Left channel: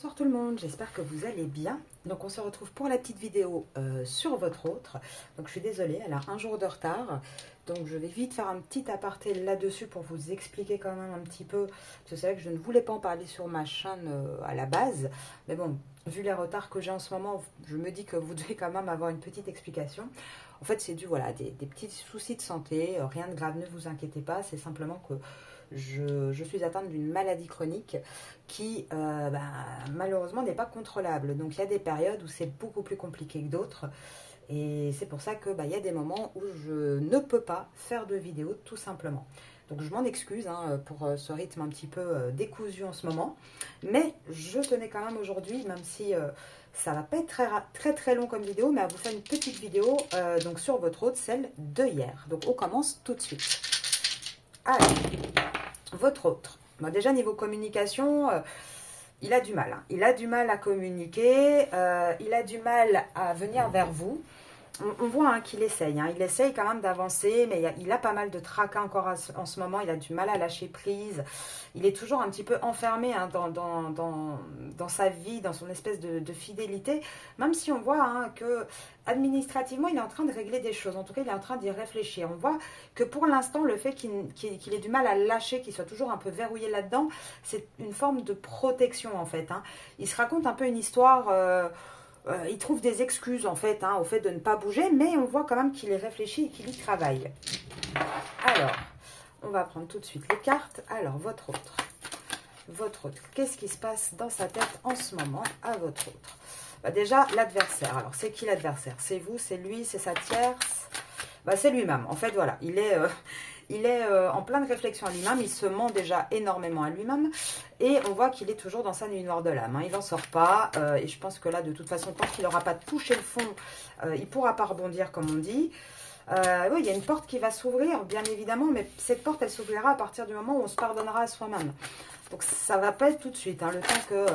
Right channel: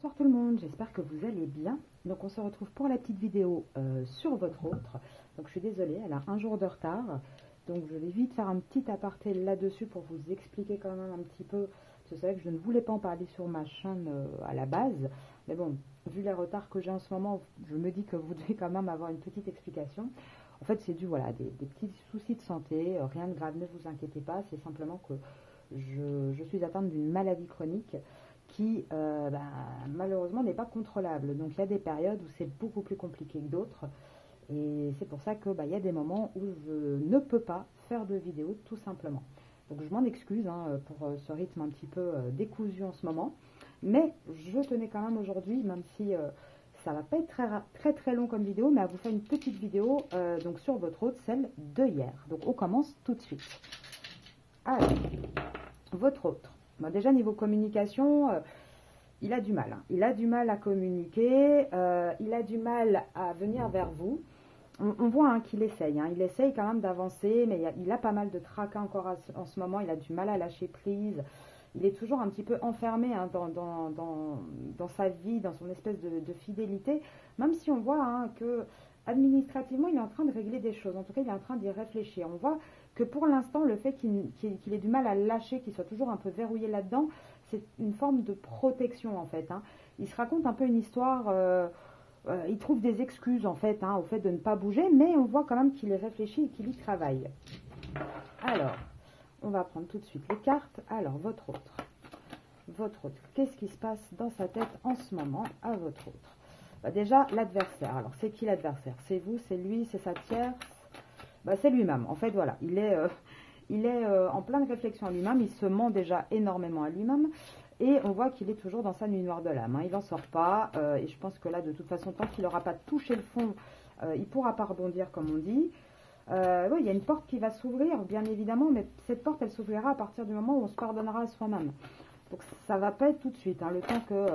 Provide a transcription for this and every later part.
Bonsoir tout le monde, j'espère que vous allez bien. Donc on se retrouve pour la petite vidéo sur votre autre. Donc je suis désolée, elle a un jour de retard. Donc je vais vite faire un petit aparté là-dessus pour vous expliquer quand même un petit peu. Parce que c'est vrai que je ne voulais pas en parler sur ma chaîne à la base. Mais bon, vu les retards que j'ai en ce moment, je me dis que vous devez quand même avoir une petite explication. En fait c'est dû voilà, des petits soucis de santé, rien de grave, ne vous inquiétez pas. C'est simplement que je suis atteinte d'une maladie chronique qui malheureusement n'est pas contrôlable. Donc il y a des périodes où c'est beaucoup plus compliqué que d'autres. Et c'est pour ça que y a des moments où je ne peux pas faire de vidéo tout simplement. Donc je m'en excuse pour ce rythme un petit peu décousu en ce moment. Mais je tenais quand même aujourd'hui, même si ça va pas être très long comme vidéo, mais à vous faire une petite vidéo donc sur votre autre, celle de hier. Donc on commence tout de suite. Alors, votre autre. Bon, déjà, niveau communication, il a du mal. Il a du mal à communiquer, il a du mal à venir vers vous. On voit qu'il essaye. Il essaye quand même d'avancer, mais il a pas mal de tracas encore en ce moment. Il a du mal à lâcher prise. Il est toujours un petit peu enfermé dans sa vie, dans son espèce de fidélité. Même si on voit que administrativement, il est en train de régler des choses. En tout cas, il est en train d'y réfléchir. On voit que pour l'instant, le fait qu'il ait du mal à lâcher, qu'il soit toujours un peu verrouillé là-dedans, c'est une forme de protection en fait. Il se raconte un peu une histoire... il trouve des excuses en fait au fait de ne pas bouger, mais on voit quand même qu'il est réfléchi et qu'il y travaille. Alors, on va prendre tout de suite les cartes. Alors, votre autre. Votre autre, qu'est-ce qui se passe dans sa tête en ce moment à votre autre? Déjà, l'adversaire. Alors, c'est qui l'adversaire? C'est vous, c'est lui, c'est sa tierce? C'est lui-même. En fait, voilà, il est en pleine réflexion à lui-même, il se ment déjà énormément à lui-même, et on voit qu'il est toujours dans sa nuit noire de l'âme, il n'en sort pas, et je pense que là, de toute façon, tant qu'il n'aura pas touché le fond, il ne pourra pas rebondir, comme on dit. Oui, il y a une porte qui va s'ouvrir, bien évidemment, mais cette porte, elle s'ouvrira à partir du moment où on se pardonnera à soi-même. Donc, ça ne va pas être tout de suite, le temps que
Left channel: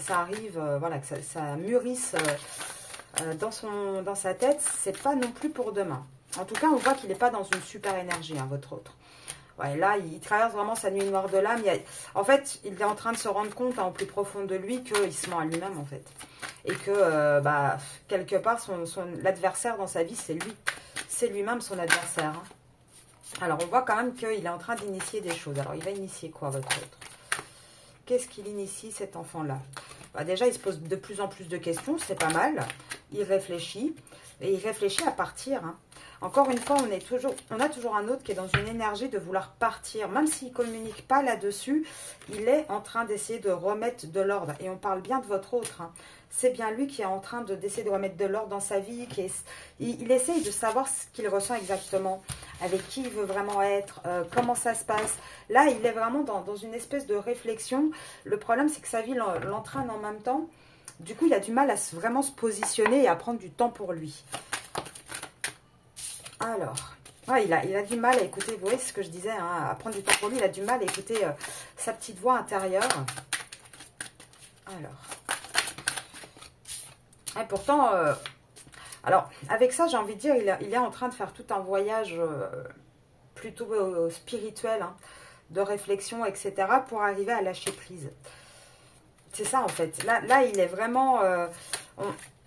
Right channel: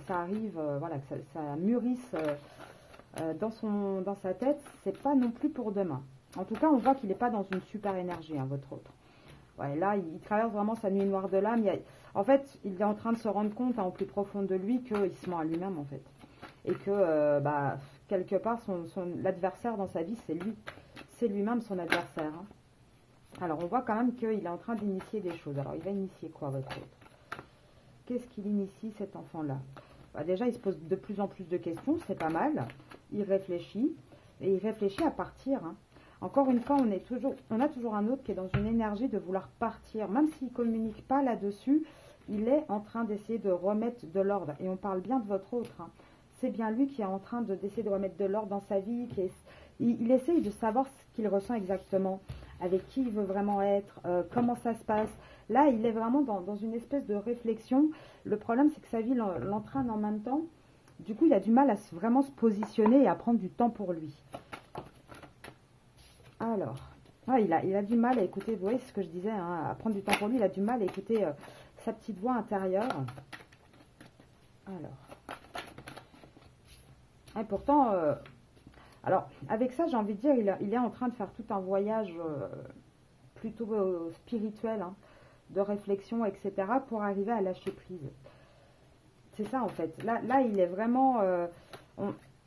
ça arrive, voilà, que ça mûrisse dans sa tête, c'est pas non plus pour demain. En tout cas, on voit qu'il n'est pas dans une super énergie, votre autre. Ouais, là, il traverse vraiment sa nuit noire de l'âme. En fait, il est en train de se rendre compte au plus profond de lui qu'il se ment à lui-même, en fait. Et que, quelque part, l'adversaire dans sa vie, c'est lui. C'est lui-même son adversaire. Alors, on voit quand même qu'il est en train d'initier des choses. Alors, il va initier quoi, votre autre? Qu'est-ce qu'il initie, cet enfant-là? Déjà, il se pose de plus en plus de questions, c'est pas mal. Il réfléchit, et il réfléchit à partir. Encore une fois, on a toujours un autre qui est dans une énergie de vouloir partir. Même s'il ne communique pas là-dessus, il est en train d'essayer de remettre de l'ordre. Et on parle bien de votre autre. C'est bien lui qui est en train d'essayer de remettre de l'ordre dans sa vie. Il essaye de savoir ce qu'il ressent exactement, avec qui il veut vraiment être, comment ça se passe. Là, il est vraiment dans une espèce de réflexion. Le problème, c'est que sa vie l'entraîne en même temps. Du coup, il a du mal à vraiment se positionner et à prendre du temps pour lui. Alors, il a du mal à écouter, vous voyez ce que je disais, à prendre du temps pour lui. Il a du mal à écouter sa petite voix intérieure. Alors. Et pourtant, alors, avec ça, j'ai envie de dire, il est en train de faire tout un voyage plutôt spirituel, de réflexion, etc., pour arriver à lâcher prise. C'est ça, en fait. Là il est vraiment...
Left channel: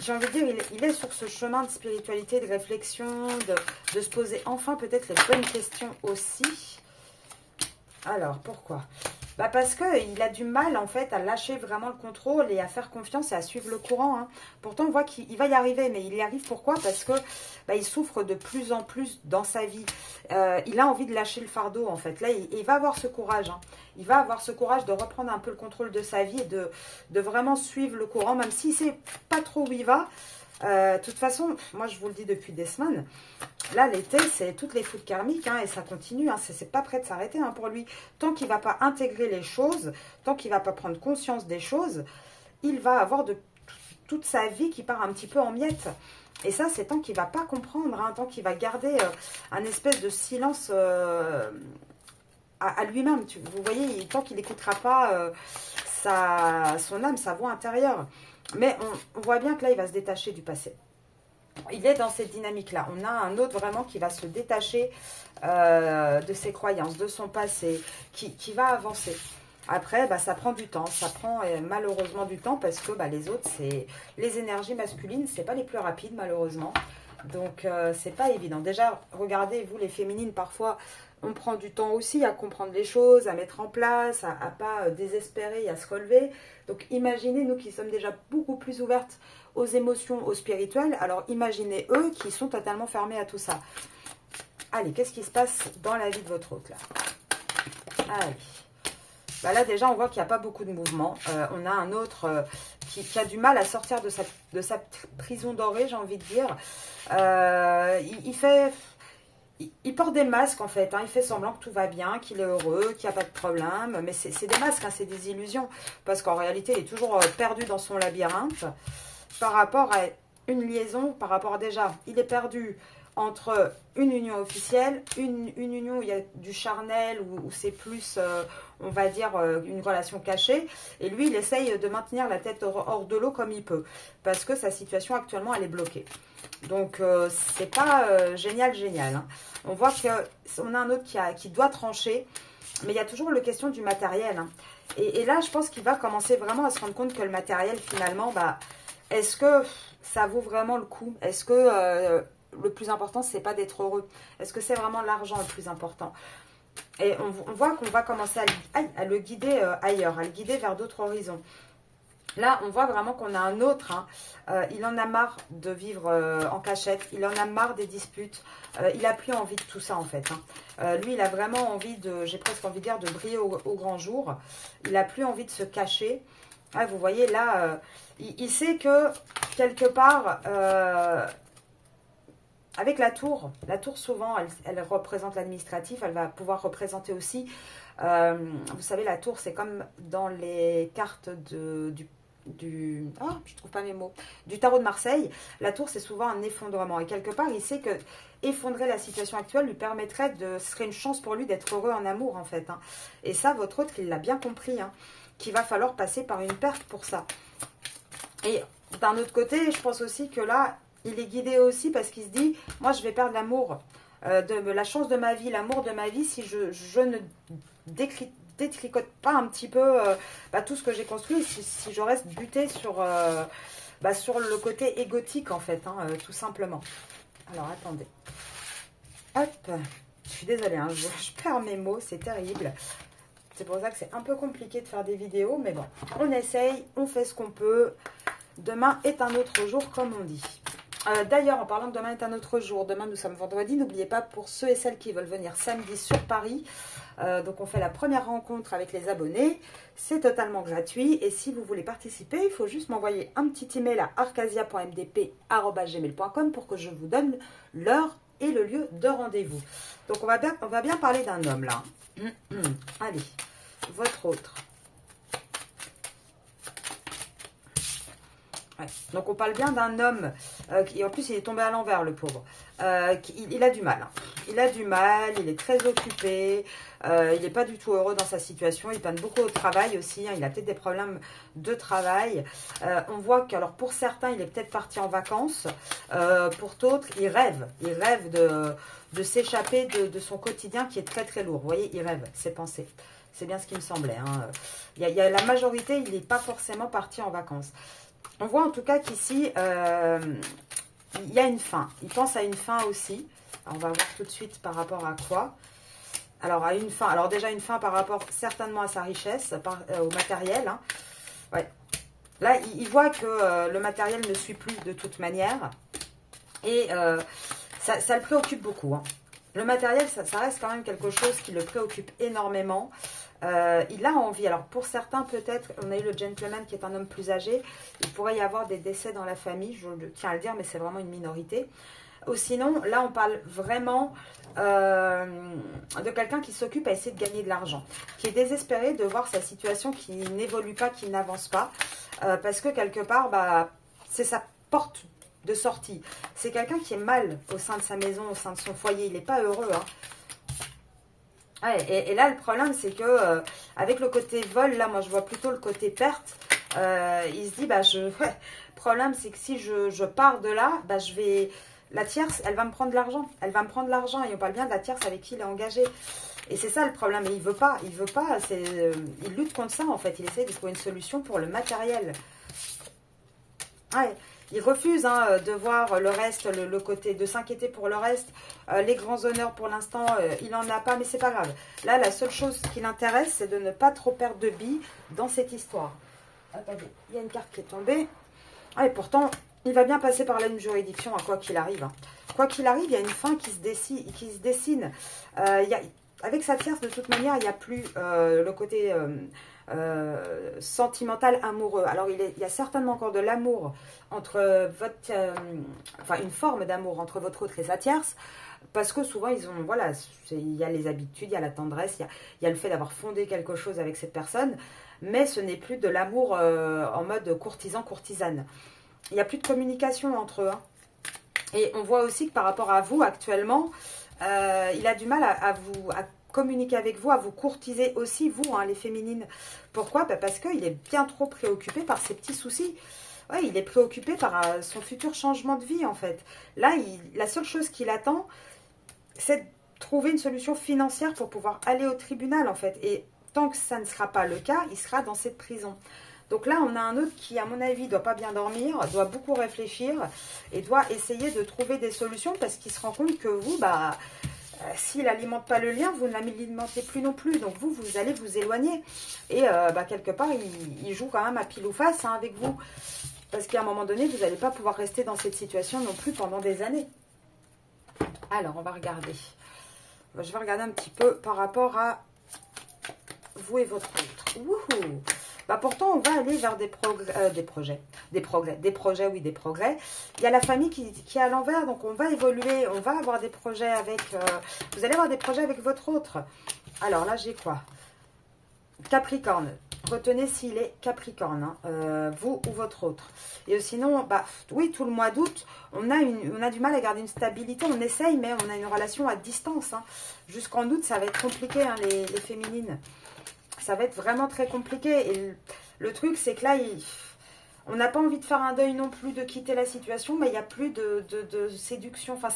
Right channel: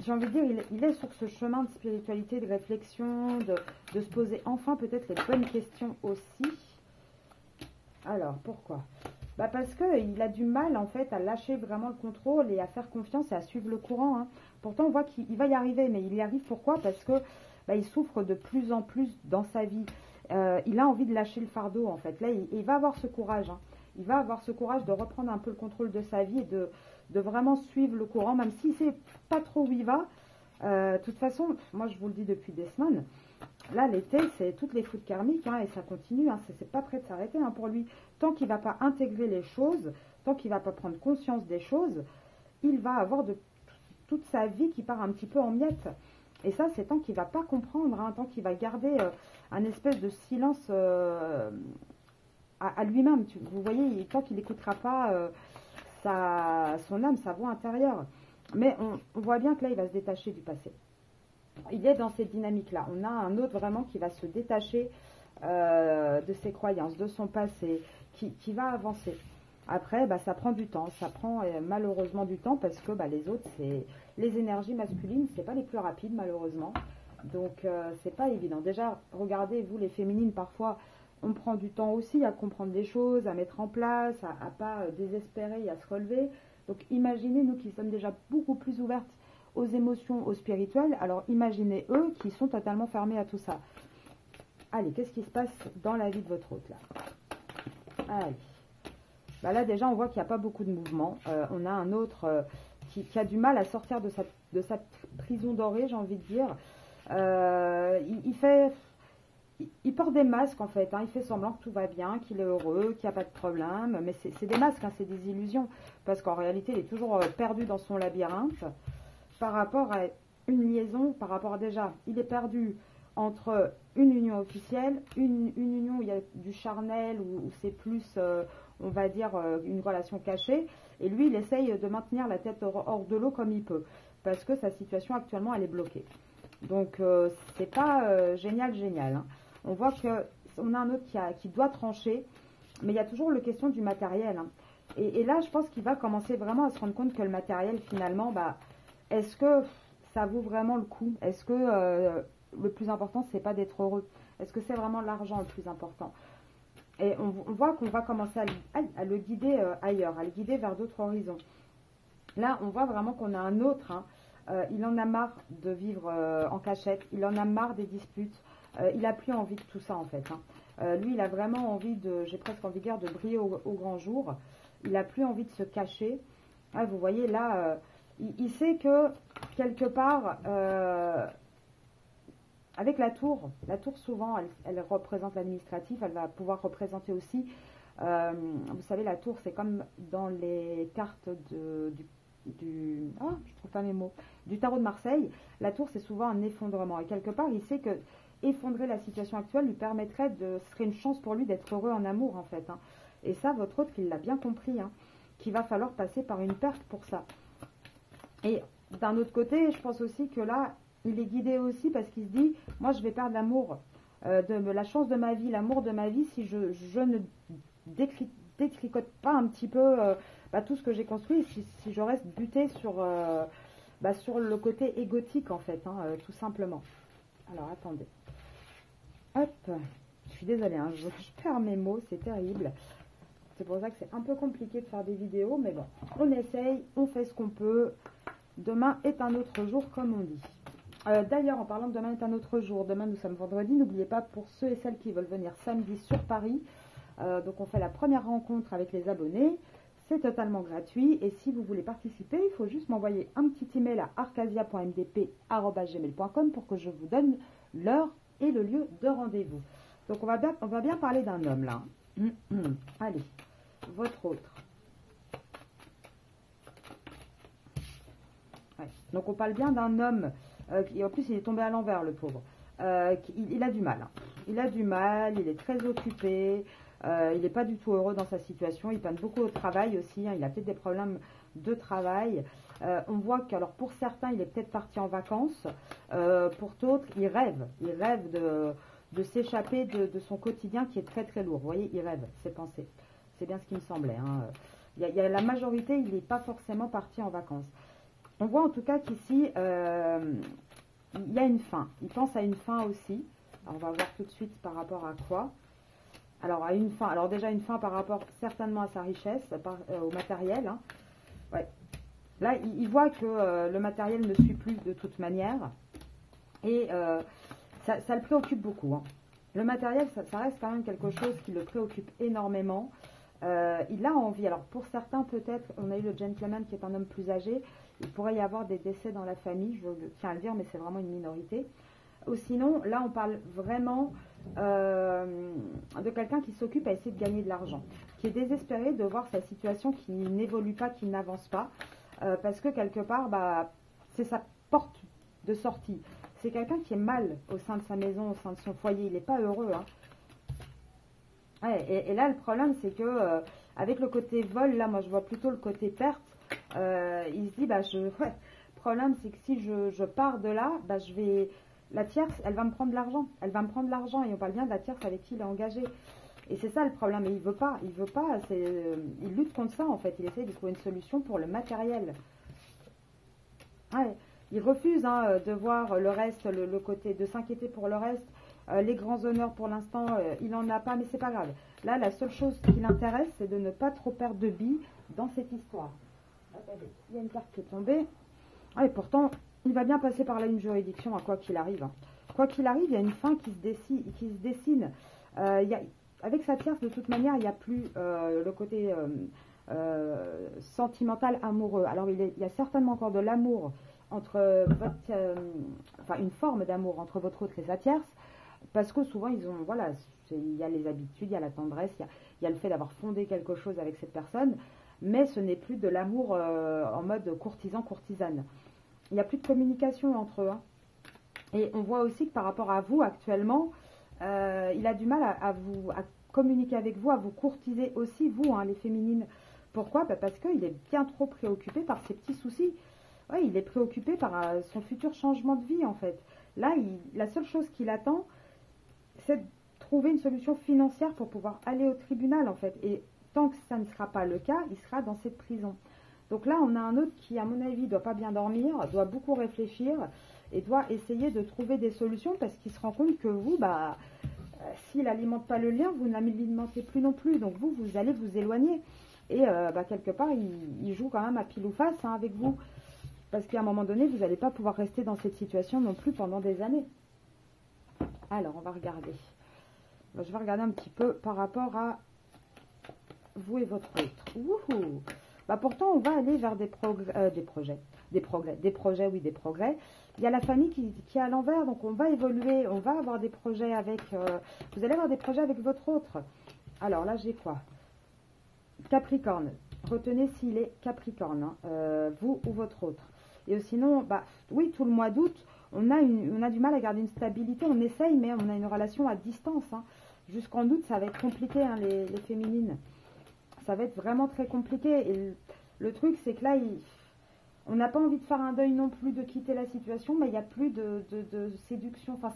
j'ai envie de dire, il est sur ce chemin de spiritualité, de réflexion, de se poser enfin peut-être les bonnes questions aussi. Alors, pourquoi? Parce qu'il a du mal, en fait, à lâcher vraiment le contrôle et à faire confiance et à suivre le courant. Pourtant, on voit qu'il va y arriver, mais il y arrive pourquoi? Parce que il souffre de plus en plus dans sa vie. Il a envie de lâcher le fardeau, en fait. Là, il va avoir ce courage. Il va avoir ce courage de reprendre un peu le contrôle de sa vie et de vraiment suivre le courant, même s'il ne sait pas trop où il va. De toute façon, moi je vous le dis depuis des semaines, là l'été c'est toutes les foudres karmiques et ça continue, c'est pas prêt de s'arrêter pour lui. Tant qu'il va pas intégrer les choses, tant qu'il va pas prendre conscience des choses, il va avoir toute sa vie qui part un petit peu en miettes. Et ça c'est tant qu'il va pas comprendre, tant qu'il va garder un espèce de silence à lui-même. Vous voyez, tant qu'il n'écoutera pas son âme, sa voix intérieure. Mais on voit bien que là, il va se détacher du passé. Il est dans cette dynamique-là. On a un autre vraiment qui va se détacher de ses croyances, de son passé, qui va avancer. Après, bah, ça prend du temps. Ça prend malheureusement du temps parce que bah, les autres, c'est les énergies masculines, c'est pas les plus rapides malheureusement. Donc, c'est pas évident. Déjà, regardez, vous les féminines, parfois, on prend du temps aussi à comprendre les choses, à mettre en place, à pas désespérer et à se relever. Donc, imaginez, nous qui sommes déjà beaucoup plus ouvertes aux émotions, au spirituel, alors imaginez eux qui sont totalement fermés à tout ça. Allez, qu'est-ce qui se passe dans la vie de votre hôte là? Allez. Bah là, déjà, on voit qu'il n'y a pas beaucoup de mouvement. On a un autre qui a du mal à sortir de sa prison dorée, j'ai envie de dire. Il porte des masques, en fait. Hein. Il fait semblant que tout va bien, qu'il est heureux, qu'il n'y a pas de problème. Mais c'est des masques, hein, c'est des illusions. Parce qu'en réalité, il est toujours perdu dans son labyrinthe. Par rapport à une liaison, par rapport à déjà, il est perdu entre une union officielle, une union où il y a du charnel, où c'est plus, on va dire, une relation cachée. Et lui, il essaye de maintenir la tête hors de l'eau comme il peut. Parce que sa situation actuellement, elle est bloquée. Donc, c'est pas génial. Hein. On voit qu'on a un autre qui doit trancher. Mais il y a toujours la question du matériel. Hein. Et là, je pense qu'il va commencer vraiment à se rendre compte que le matériel, finalement, bah, est-ce que ça vaut vraiment le coup? Est-ce que le plus important, c'est pas d'être heureux? Est-ce que c'est vraiment l'argent le plus important? Et on voit qu'on va commencer à le guider ailleurs, à le guider vers d'autres horizons. Là, on voit vraiment qu'on a un autre. Hein. Il en a marre de vivre en cachette. Il en a marre des disputes. Il n'a plus envie de tout ça, en fait. Hein. Lui, il a vraiment envie de, j'ai presque envie de dire, de briller au grand jour. Il n'a plus envie de se cacher. Ah, vous voyez, là, il sait que, quelque part, avec la tour souvent, elle représente l'administratif. Elle va pouvoir représenter aussi, vous savez, la tour, c'est comme dans les cartes je trouve pas mes mots, du tarot de Marseille. La tour, c'est souvent un effondrement. Et quelque part, il sait que effondrer la situation actuelle lui permettrait ce serait une chance pour lui d'être heureux en amour, en fait. Hein. Et ça, votre autre, il l'a bien compris, hein, qu'il va falloir passer par une perte pour ça. Et d'un autre côté, je pense aussi que là, il est guidé aussi parce qu'il se dit, moi, je vais perdre l'amour, la chance de ma vie, l'amour de ma vie, si je ne détricote pas un petit peu tout ce que j'ai construit, si je reste buté sur le côté égotique, en fait, hein, tout simplement. Alors, attendez. Hop, je suis désolée, hein, je perds mes mots, c'est terrible. C'est pour ça que c'est un peu compliqué de faire des vidéos, mais bon, on essaye, on fait ce qu'on peut. Demain est un autre jour, comme on dit. D'ailleurs, en parlant de demain est un autre jour, demain nous sommes vendredi, n'oubliez pas pour ceux et celles qui veulent venir samedi sur Paris, donc on fait la première rencontre avec les abonnés, c'est totalement gratuit et si vous voulez participer, il faut juste m'envoyer un petit email à arcasia.mdp@gmail.com pour que je vous donne l'heure et le lieu de rendez-vous. Donc on va bien parler d'un homme là. Allez, votre autre. Ouais. Donc on parle bien d'un homme qui en plus il est tombé à l'envers, le pauvre. Il a du mal. Hein. Il a du mal, il est très occupé, il n'est pas du tout heureux dans sa situation, il peine beaucoup au travail aussi, hein, il a peut-être des problèmes de travail. On voit que, alors pour certains, il est peut-être parti en vacances, pour d'autres, il rêve de s'échapper de son quotidien qui est très très lourd. Vous voyez, il rêve, ses pensées. C'est bien ce qui me semblait. Hein. Il y a la majorité, il n'est pas forcément parti en vacances. On voit en tout cas qu'ici, il y a une fin. Il pense à une fin aussi. Alors, on va voir tout de suite par rapport à quoi. Alors, à une fin. Alors, déjà, une fin par rapport certainement à sa richesse, au matériel. Hein. Ouais. Là, il voit que le matériel ne suit plus de toute manière. Et ça le préoccupe beaucoup. Hein. Le matériel, ça reste quand même quelque chose qui le préoccupe énormément. Il a envie, alors pour certains peut-être, on a eu le gentleman qui est un homme plus âgé, il pourrait y avoir des décès dans la famille, je tiens à le dire, mais c'est vraiment une minorité. Ou sinon, là on parle vraiment de quelqu'un qui s'occupe à essayer de gagner de l'argent, qui est désespéré de voir sa situation qui n'évolue pas, qui n'avance pas, parce que quelque part, c'est sa porte de sortie. C'est quelqu'un qui est mal au sein de sa maison, au sein de son foyer, il n'est pas heureux, hein. Ouais, et là, le problème, c'est que avec le côté vol, là, moi, je vois plutôt le côté perte. Il se dit, le problème, c'est que si je pars de là, la tierce, elle va me prendre de l'argent. Elle va me prendre de l'argent. Et on parle bien de la tierce avec qui il est engagé. Et c'est ça le problème. Et il veut pas. Il lutte contre ça, en fait. Il essaie de trouver une solution pour le matériel. Ouais. Il refuse de voir le reste, le côté, de s'inquiéter pour le reste. Les grands honneurs, pour l'instant, il n'en a pas, mais c'est pas grave. Là, la seule chose qui l'intéresse, c'est de ne pas trop perdre de billes dans cette histoire. Attendez, il y a une carte qui est tombée. Ah, et pourtant, il va bien passer par là une juridiction, à quoi qu'il arrive. Quoi qu'il arrive, il y a une fin qui se dessine. Avec sa tierce, de toute manière, il n'y a plus le côté sentimental, amoureux. Alors, il y a certainement encore de l'amour entre enfin, une forme d'amour entre votre autre et sa tierce. Parce que souvent, voilà, il y a les habitudes, il y a la tendresse, il y a le fait d'avoir fondé quelque chose avec cette personne. Mais ce n'est plus de l'amour en mode courtisan-courtisane. Il n'y a plus de communication entre eux. Et on voit aussi que par rapport à vous actuellement, il a du mal à communiquer avec vous, à vous courtiser aussi, vous, les féminines. Pourquoi? Parce qu'il est bien trop préoccupé par ses petits soucis. Ouais, il est préoccupé par son futur changement de vie, en fait. Là, la seule chose qu'il attend, c'est de trouver une solution financière pour pouvoir aller au tribunal, en fait. Et tant que ça ne sera pas le cas, il sera dans cette prison. Donc là, on a un autre qui, à mon avis, ne doit pas bien dormir, doit beaucoup réfléchir et doit essayer de trouver des solutions parce qu'il se rend compte que vous, s'il n'alimente pas le lien, vous ne l'alimentez plus non plus. Donc vous allez vous éloigner. Et quelque part, il joue quand même à pile ou face avec vous. Parce qu'à un moment donné, vous n'allez pas pouvoir rester dans cette situation non plus pendant des années. Alors, on va regarder. Je vais regarder un petit peu par rapport à vous et votre autre. Wouhou! Pourtant, on va aller vers des progrès. Il y a la famille qui est à l'envers, donc on va évoluer, on va avoir des projets avec... vous allez avoir des projets avec votre autre. Alors là, j'ai quoi? Capricorne. Retenez s'il est Capricorne, vous ou votre autre. Et sinon, oui, tout le mois d'août, on a du mal à garder une stabilité. On essaye, mais on a une relation à distance. Jusqu'en août, ça va être compliqué, les féminines. Ça va être vraiment très compliqué. Et le truc, c'est que là, on n'a pas envie de faire un deuil non plus, de quitter la situation, mais il n'y a plus de séduction. Enfin,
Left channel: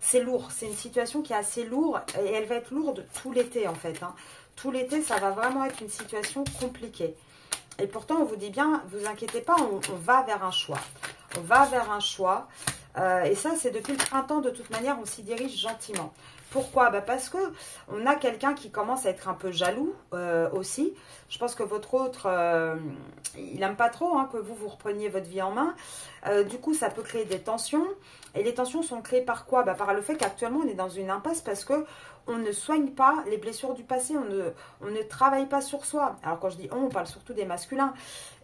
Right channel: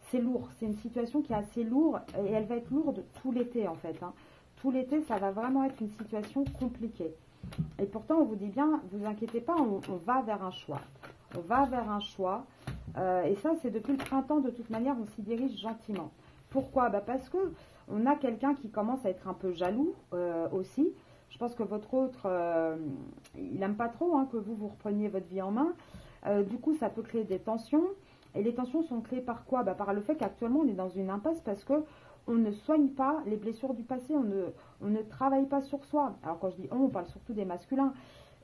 c'est lourd. C'est une situation qui est assez lourde et elle va être lourde tout l'été, en fait. Tout l'été, ça va vraiment être une situation compliquée. Et pourtant, on vous dit bien, vous inquiétez pas, on va vers un choix. On va vers un choix. Et ça, c'est depuis le printemps, de toute manière, on s'y dirige gentiment. Pourquoi? Parce que on a quelqu'un qui commence à être un peu jaloux aussi. Je pense que votre autre, il n'aime pas trop que vous repreniez votre vie en main. Du coup, ça peut créer des tensions. Et les tensions sont créées par quoi? Par le fait qu'actuellement, on est dans une impasse parce que on ne soigne pas les blessures du passé. On ne travaille pas sur soi. Alors, quand je dis on parle surtout des masculins.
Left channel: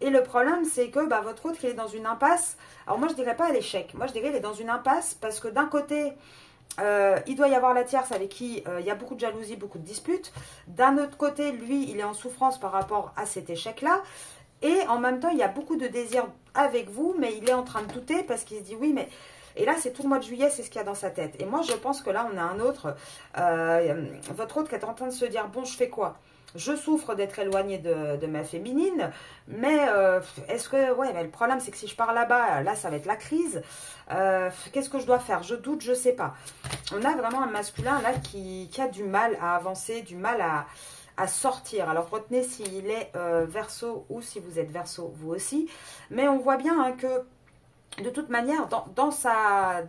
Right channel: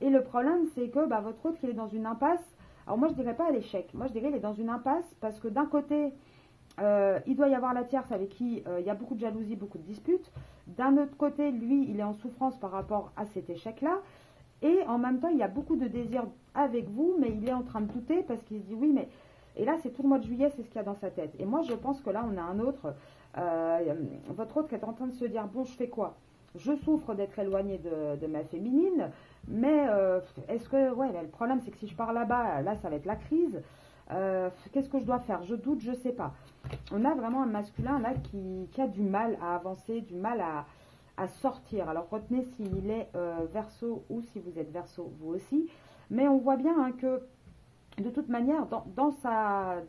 Et le problème, c'est que votre autre, il est dans une impasse. Alors, moi, je ne dirais pas à l'échec. Moi, je dirais qu'il est dans une impasse parce que d'un côté... il doit y avoir la tierce avec qui il y a beaucoup de jalousie, beaucoup de disputes. D'un autre côté, lui, il est en souffrance par rapport à cet échec-là. Et en même temps, il y a beaucoup de désir avec vous, mais il est en train de douter parce qu'il se dit oui, mais... Et là, c'est tout le mois de juillet, c'est ce qu'il y a dans sa tête. Et moi, je pense que là, on a un autre, votre autre qui est en train de se dire, bon, je fais quoi? Je souffre d'être éloignée de ma féminine, mais est-ce que... Ouais, mais le problème, c'est que si je pars là-bas, là, ça va être la crise. Qu'est-ce que je dois faire? Je doute, je sais pas. On a vraiment un masculin, là, qui a du mal à avancer, du mal à sortir. Alors, retenez s'il est Verseau ou si vous êtes Verseau, vous aussi. Mais on voit bien que, de toute manière, dans sa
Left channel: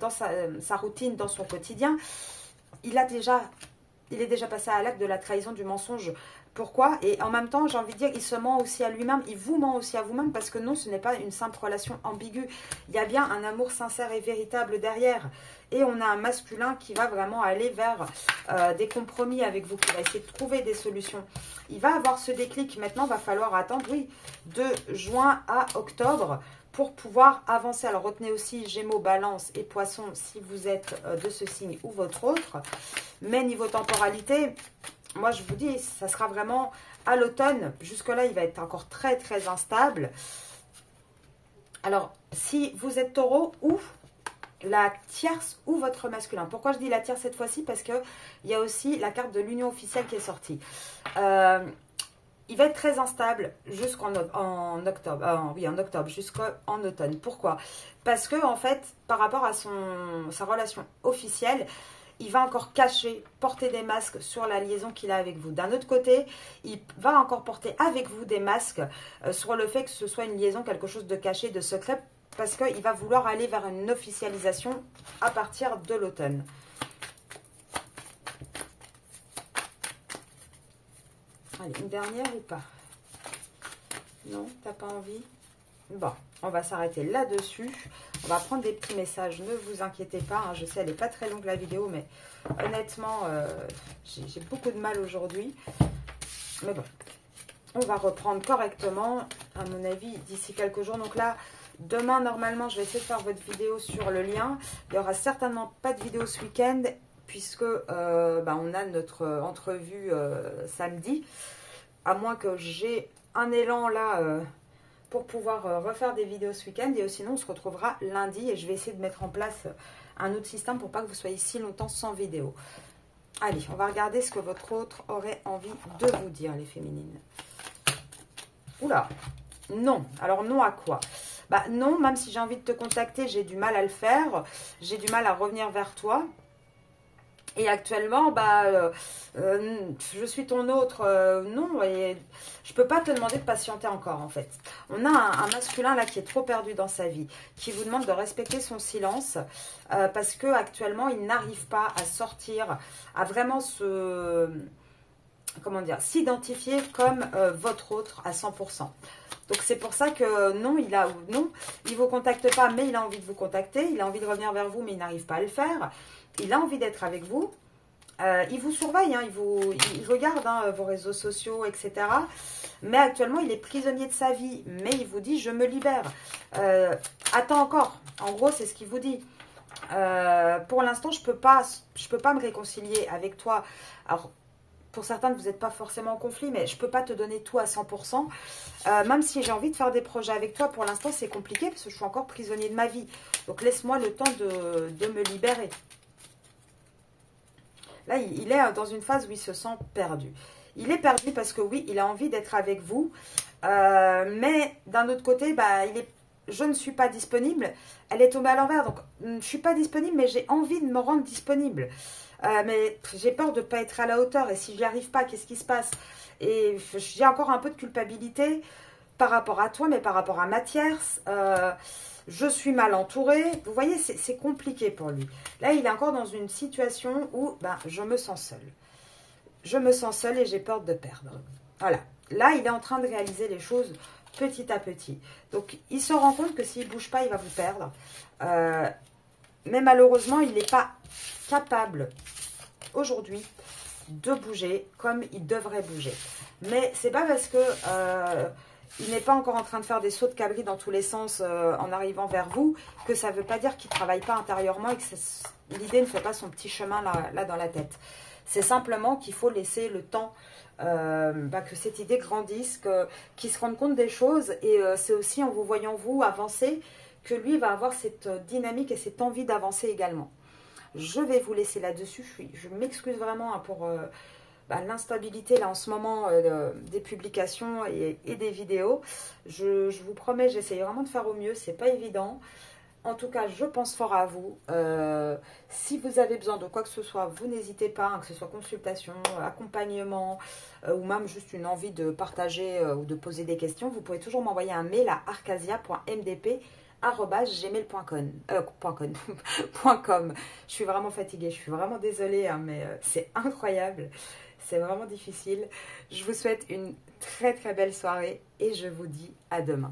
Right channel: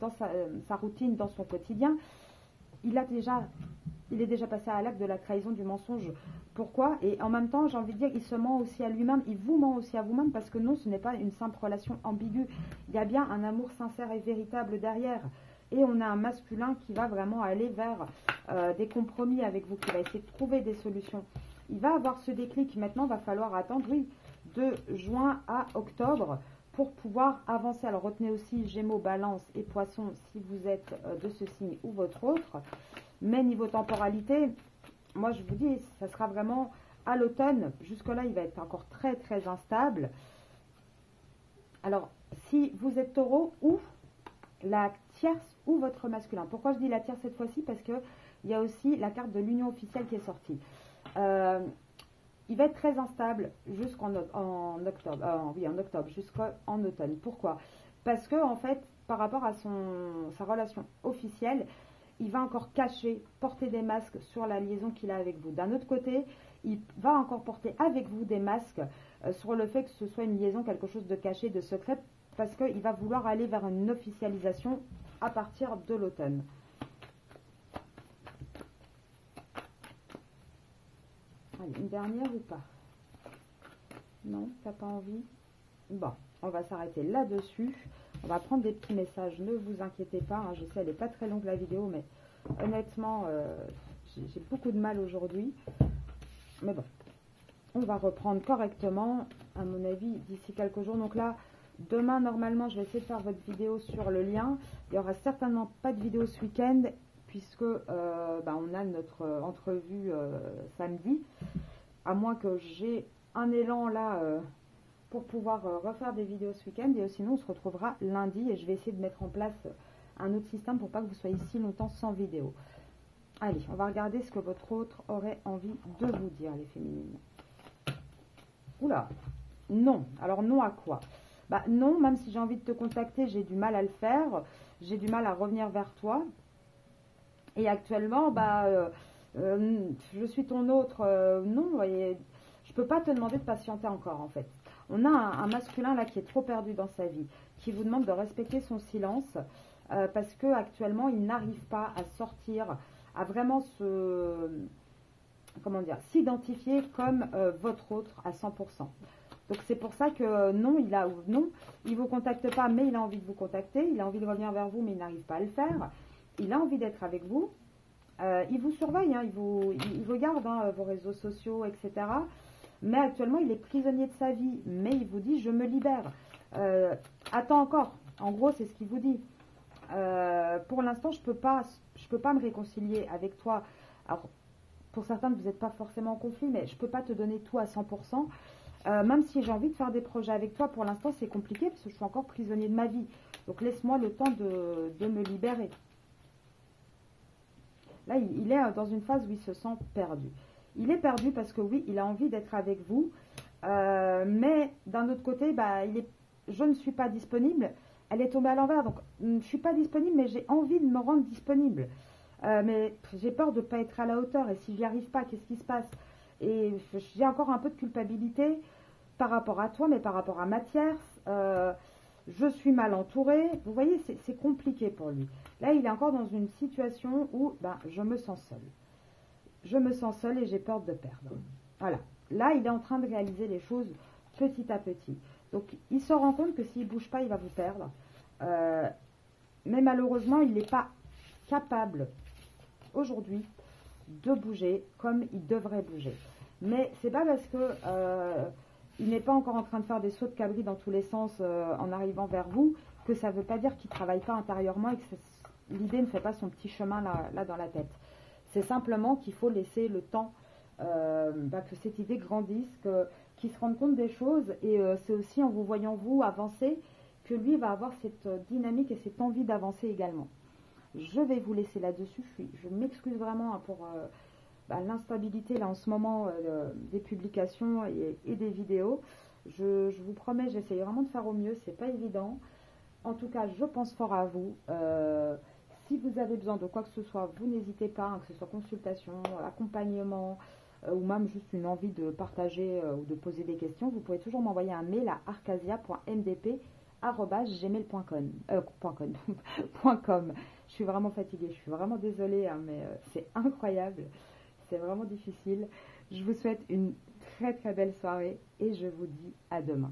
routine, dans son quotidien, il est déjà passé à l'acte de la trahison, du mensonge. Pourquoi? Et en même temps, j'ai envie de dire, il se ment aussi à lui-même, il vous ment aussi à vous-même, parce que non, ce n'est pas une simple relation ambiguë. Il y a bien un amour sincère et véritable derrière. Et on a un masculin qui va vraiment aller vers des compromis avec vous, qui va essayer de trouver des solutions. Il va avoir ce déclic. Maintenant, il va falloir attendre, oui, de juin à octobre pour pouvoir avancer. Alors, retenez aussi Gémeaux, Balance et Poisson si vous êtes de ce signe ou votre autre. Mais niveau temporalité... Moi, je vous dis, ça sera vraiment à l'automne. Jusque-là, il va être encore très, très instable. Alors, si vous êtes taureau ou la tierce ou votre masculin. Pourquoi je dis la tierce cette fois-ci? Parce qu'il y a aussi la carte de l'union officielle qui est sortie. Il va être très instable jusqu'en octobre. Oui, en octobre, jusqu'en automne. Pourquoi? Parce que, en fait, par rapport à sa relation officielle, il va encore cacher, porter des masques sur la liaison qu'il a avec vous. D'un autre côté, il va encore porter avec vous des masques sur le fait que ce soit une liaison, quelque chose de caché, de secret, parce qu'il va vouloir aller vers une officialisation à partir de l'automne. Allez, une dernière ou pas? Non, t'as pas envie? Bon, on va s'arrêter là-dessus. On va prendre des petits messages, ne vous inquiétez pas. Hein, je sais, elle n'est pas très longue la vidéo, mais honnêtement, j'ai beaucoup de mal aujourd'hui. Mais bon, on va reprendre correctement, à mon avis, d'ici quelques jours. Donc là, demain, normalement, je vais essayer de faire votre vidéo sur le lien. Il n'y aura certainement pas de vidéo ce week-end, puisque on a notre entrevue samedi. À moins que j'ai un élan là pour pouvoir refaire des vidéos ce week-end. Et sinon, on se retrouvera lundi et je vais essayer de mettre en place un autre système pour pas que vous soyez si longtemps sans vidéo. Allez, on va regarder ce que votre autre aurait envie de vous dire, les féminines. Oula, non. Alors non à quoi? Bah non, même si j'ai envie de te contacter, j'ai du mal à le faire. J'ai du mal à revenir vers toi. Et actuellement, je suis ton autre, non, et je peux pas te demander de patienter encore, en fait. On a un masculin, là, qui est trop perdu dans sa vie, qui vous demande de respecter son silence, parce que actuellement, il n'arrive pas à sortir, à vraiment s'identifier comme votre autre à 100%. Donc, c'est pour ça que non, il vous contacte pas, mais il a envie de vous contacter, il a envie de revenir vers vous, mais il n'arrive pas à le faire. Il a envie d'être avec vous. Il vous surveille, hein, il regarde vos réseaux sociaux, etc. Mais actuellement, il est prisonnier de sa vie. Mais il vous dit, je me libère. Attends encore. En gros, c'est ce qu'il vous dit. Pour l'instant, je peux pas me réconcilier avec toi. Alors, pour certains, vous n'êtes pas forcément en conflit, mais je ne peux pas te donner tout à 100%. Même si j'ai envie de faire des projets avec toi, pour l'instant, c'est compliqué parce que je suis encore prisonnier de ma vie. Donc, laisse-moi le temps de me libérer. Là, il est dans une phase où il se sent perdu. Il est perdu parce que oui, il a envie d'être avec vous. Mais d'un autre côté, je ne suis pas disponible. Elle est tombée à l'envers. Donc, je ne suis pas disponible, mais j'ai envie de me rendre disponible. Mais j'ai peur de ne pas être à la hauteur. Et si je n'y arrive pas, qu'est-ce qui se passe? Et j'ai encore un peu de culpabilité par rapport à toi, mais par rapport à Mathias. Je suis mal entourée. Vous voyez, c'est compliqué pour lui. Là, il est encore dans une situation où je me sens seule. Je me sens seule et j'ai peur de perdre. Voilà. Là, il est en train de réaliser les choses petit à petit. Donc, il se rend compte que s'il ne bouge pas, il va vous perdre. Mais malheureusement, il n'est pas capable aujourd'hui de bouger comme il devrait bouger. Mais c'est pas parce que il n'est pas encore en train de faire des sauts de cabri dans tous les sens en arrivant vers vous que ça ne veut pas dire qu'il ne travaille pas intérieurement et que l'idée ne fait pas son petit chemin là dans la tête. C'est simplement qu'il faut laisser le temps que cette idée grandisse, qu'il se rende compte des choses. Et c'est aussi en vous voyant vous avancer que lui va avoir cette dynamique et cette envie d'avancer également. Je vais vous laisser là-dessus. Je m'excuse vraiment pour l'instabilité là en ce moment des publications et des vidéos. Je vous promets, j'essaye vraiment de faire au mieux. C'est pas évident. En tout cas, je pense fort à vous. Si vous avez besoin de quoi que ce soit, vous n'hésitez pas, que ce soit consultation, accompagnement ou même juste une envie de partager ou de poser des questions, vous pouvez toujours m'envoyer un mail à arcasia.mdp@gmail.com. Je suis vraiment fatiguée, je suis vraiment désolée, mais c'est incroyable. C'est vraiment difficile. Je vous souhaite une très très belle soirée et je vous dis à demain.